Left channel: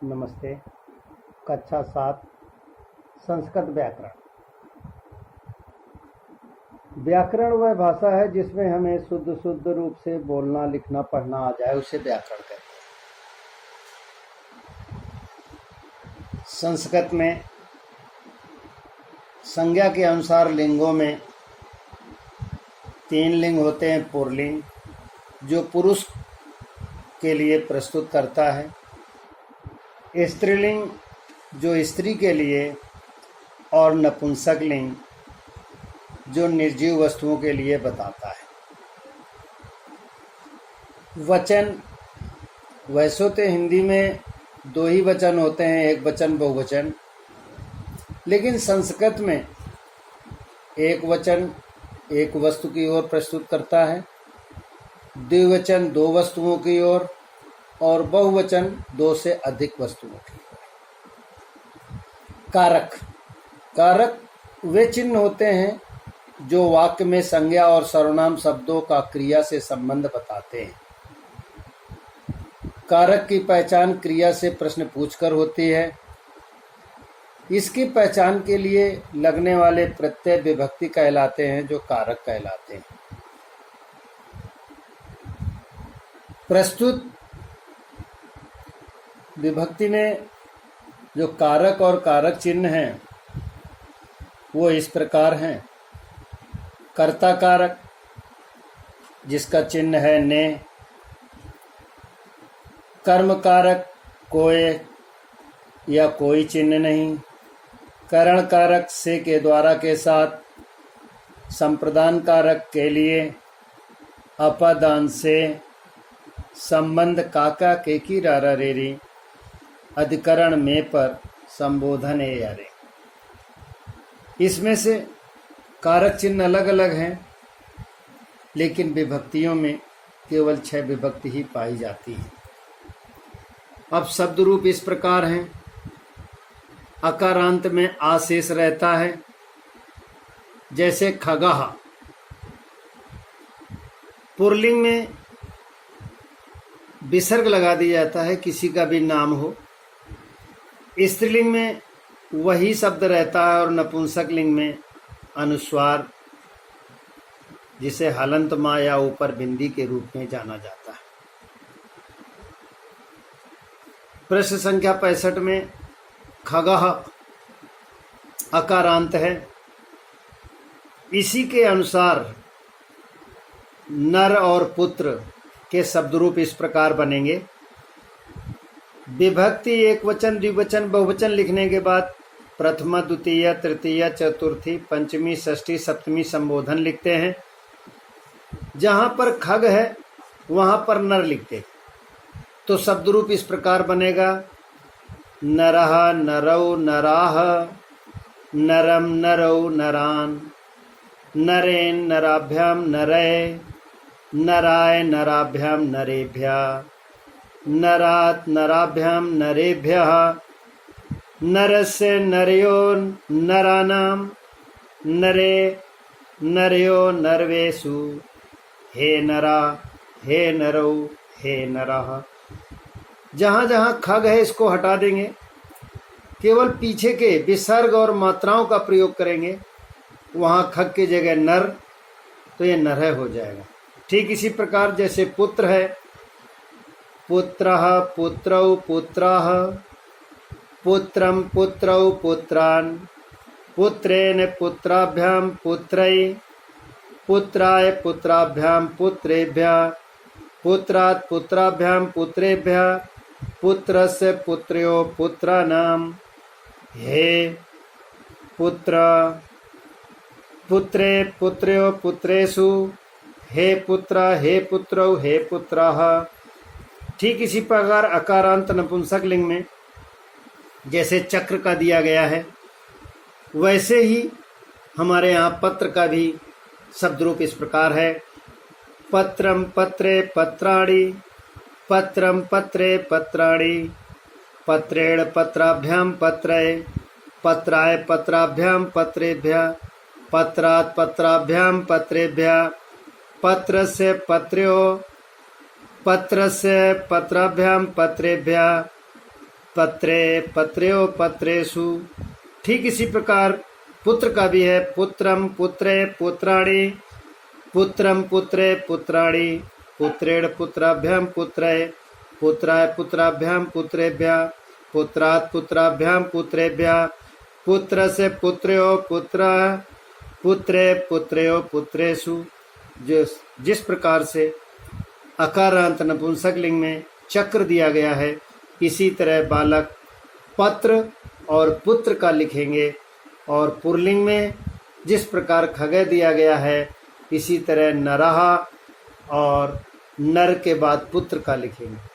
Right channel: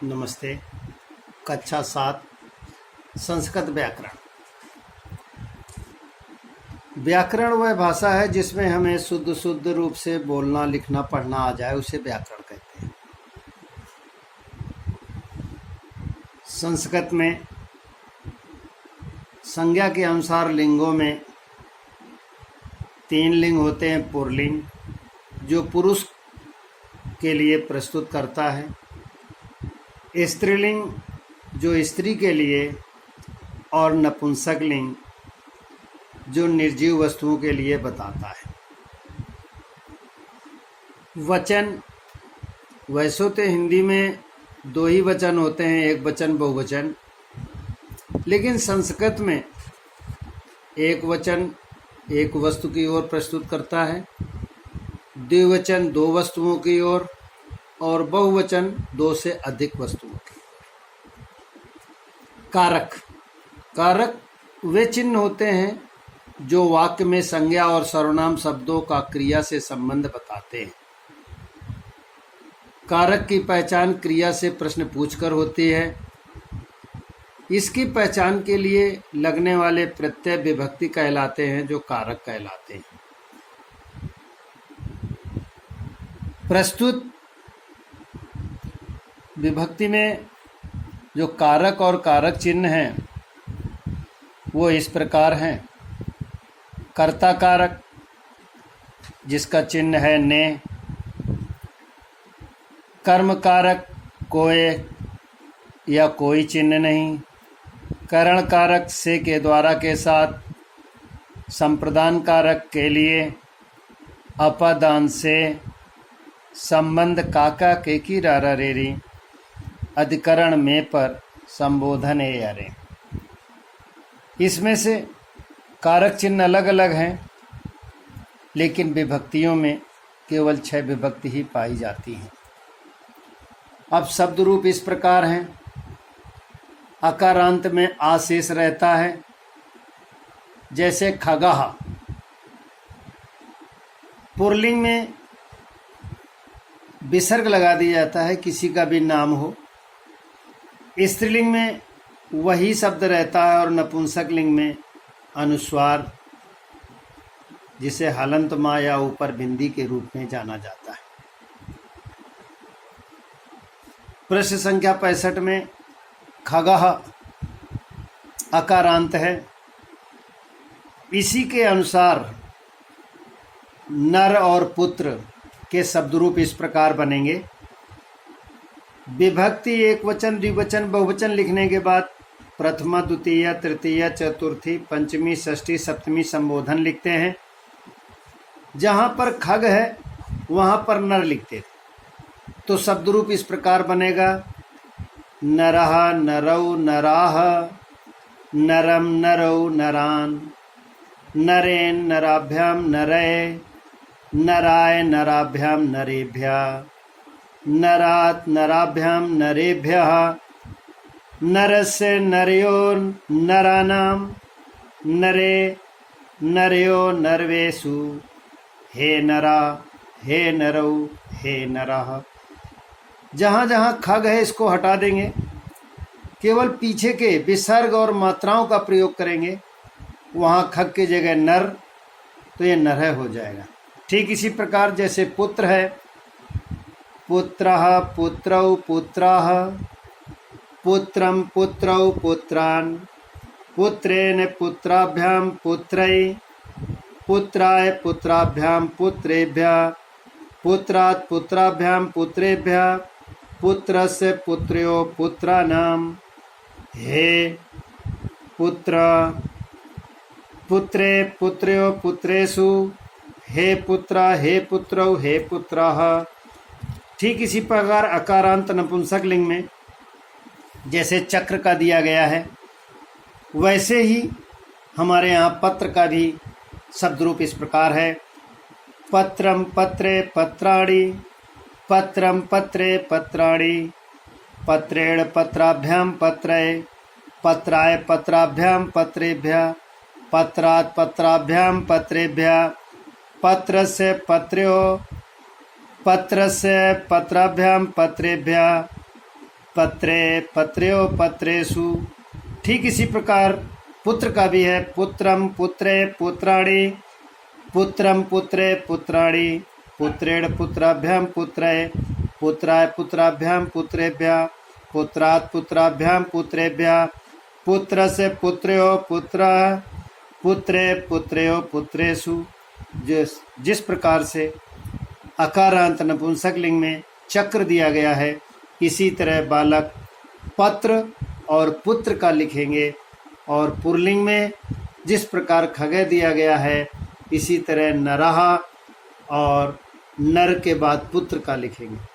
नमस्ते। कक्षा 7 संस्कृत व्याकरण। व्याकरण वह भाषा है जिसमें हमें शुद्ध रूप से बोलना, लिखना, पढ़ना आ जाए, उसे व्याकरण कहते हैं। संस्कृत में संज्ञा के अनुसार लिंगों में 3 लिंग होते हैं। पुल्लिंग जो पुरुष के लिए प्रस्तुत करता है, स्त्रीलिंग जो स्त्री के लिए, और नपुंसक लिंग जो निर्जीव वस्तुओं के लिए बताता है। वचन वैसे तो हिंदी में 2 ही वचन होते हैं, एक वचन बहुवचन, लेकिन संस्कृत में एक वचन एक वस्तु की ओर प्रस्तुत करता है, द्विवचन 2 वस्तुओं की ओर, और बहुवचन 2 से अधिक वस्तुओं की। कारक वे चिन्ह होते हैं जो वाक्य में संज्ञा और सर्वनाम शब्दों का क्रिया से संबंध बताते हैं। कारक की पहचान क्रिया से प्रश्न पूछकर होती है। इसकी पहचान के लिए लगने वाले प्रत्यय विभक्ति कहलाते हैं, जो कारक कहलाते हैं। प्रस्तुत विभक्ति में जो कारक और कारक चिन्ह हैं वो इस प्रकार हैं। कर्ता कारक जिसका चिन्ह है ने। कर्म कारक कोय या कोई चिन्ह नहीं। करण कारक से के द्वारा के साथ। संप्रदान कारक के लिए। अपादान से। संबंध काका केकी रारा रेरी। अधिकरण में पर संबोधन ए अरे। इसमें से कारक चिन्ह अलग अलग हैं, लेकिन विभक्तियों में केवल 6 विभक्ति ही पाई जाती हैं। अब शब्द रूप इस प्रकार हैं। अकारांत में आ शेष रहता है, जैसे खगः। पुल्लिंग में विसर्ग लगा दिया जाता है, किसी का भी नाम हो। स्त्रीलिंग में वही शब्द रहता है, और नपुंसक लिंग में अनुस्वार, जिसे हलंत माँ या ऊपर बिंदी के रूप में जाना जाता है। प्रश्न संख्या 65 में खगः अकारांत है। इसी के अनुसार नर और पुत्र के शब्द रूप इस प्रकार बनेंगे। विभक्ति एक वचन, द्विवचन, बहुवचन लिखने के बाद प्रथमा, द्वितीय, तृतीय, चतुर्थी, पंचमी, षष्ठी, सप्तमी संबोधन लिखते हैं। जहां पर खग है वहां पर नर लिखते हैं, तो शब्द रूप इस प्रकार बनेगा। नरः नरौ नराः। नरम नरौ नरान। नरेन नराभ्याम नरय। नराय नराभ्याम नरेभ्यः। नरात् नराभ्याम नरेभ्यः। नरस्य नरयो नराणाम। नरे नरयो नरवेषु। हे नरा हे नरौ हे नरः। जहाँ जहाँ खग है इसको हटा देंगे, केवल पीछे के विसर्ग और मात्राओं का प्रयोग करेंगे। वहाँ खग की जगह नर, तो ये नरह हो जाएगा। ठीक इसी प्रकार जैसे पुत्र है, पुत्रः पुत्रौ पुत्राः। पुत्रं पुत्रौ पुत्रान्। पुत्रेण पुत्राभ्याम पुत्रै। पुत्राय पुत्राभ्याम पुत्रेभ्यः। पुत्रात् पुत्राभ्याम पुत्रेभ्यः। पुत्रस्य पुत्र्यो पुत्राणाम्। हे पुत्र। पुत्रे पुत्र्यो पुत्रेषु। हे पुत्र हे पुत्रौ हे पुत्राः। ठीक इसी प्रकार अकारांत नपुंसक लिंग में जैसे चक्र का दिया गया है, वैसे ही हमारे यहाँ पत्र का भी शब्द रूप इस प्रकार है। पत्रम पत्रे पत्राणि। पत्रम पत्रे पत्राणि। पत्रेण पत्राभ्याम पत्रे। पत्राय पत्राभ्याम पत्रेभ्यः। पत्रात् पत्राभ्याम पत्रेभ्यः। पत्रस्य पत्र्यो। पत्रस्य पत्राभ्याम पत्रेभ्यः। पत्रे पत्र्यो पत्रेषु। ठीक इसी प्रकार पुत्र का भी है, पुत्रम पुत्रे पुत्राणि, पुत्रम पुत्रे पुत्राणि, पुत्रेण पुत्राभ्याम पुत्रे, पुत्राय पुत्राभ्याम पुत्रेभ्यः, पुत्रात् पुत्राभ्याम पुत्रेभ्यः, पुत्रस्य पुत्र्यो पुत्रः, पुत्रे पुत्र्यो पुत्रेषु। जिस प्रकार से अकारांत नपुंसकलिंग में चक्र दिया गया है, इसी तरह बालक पत्र और पुत्र का लिखेंगे, और पुल्लिंग में जिस प्रकार खगय दिया गया है, इसी तरह नरः और नर के बाद पुत्र का लिखेंगे।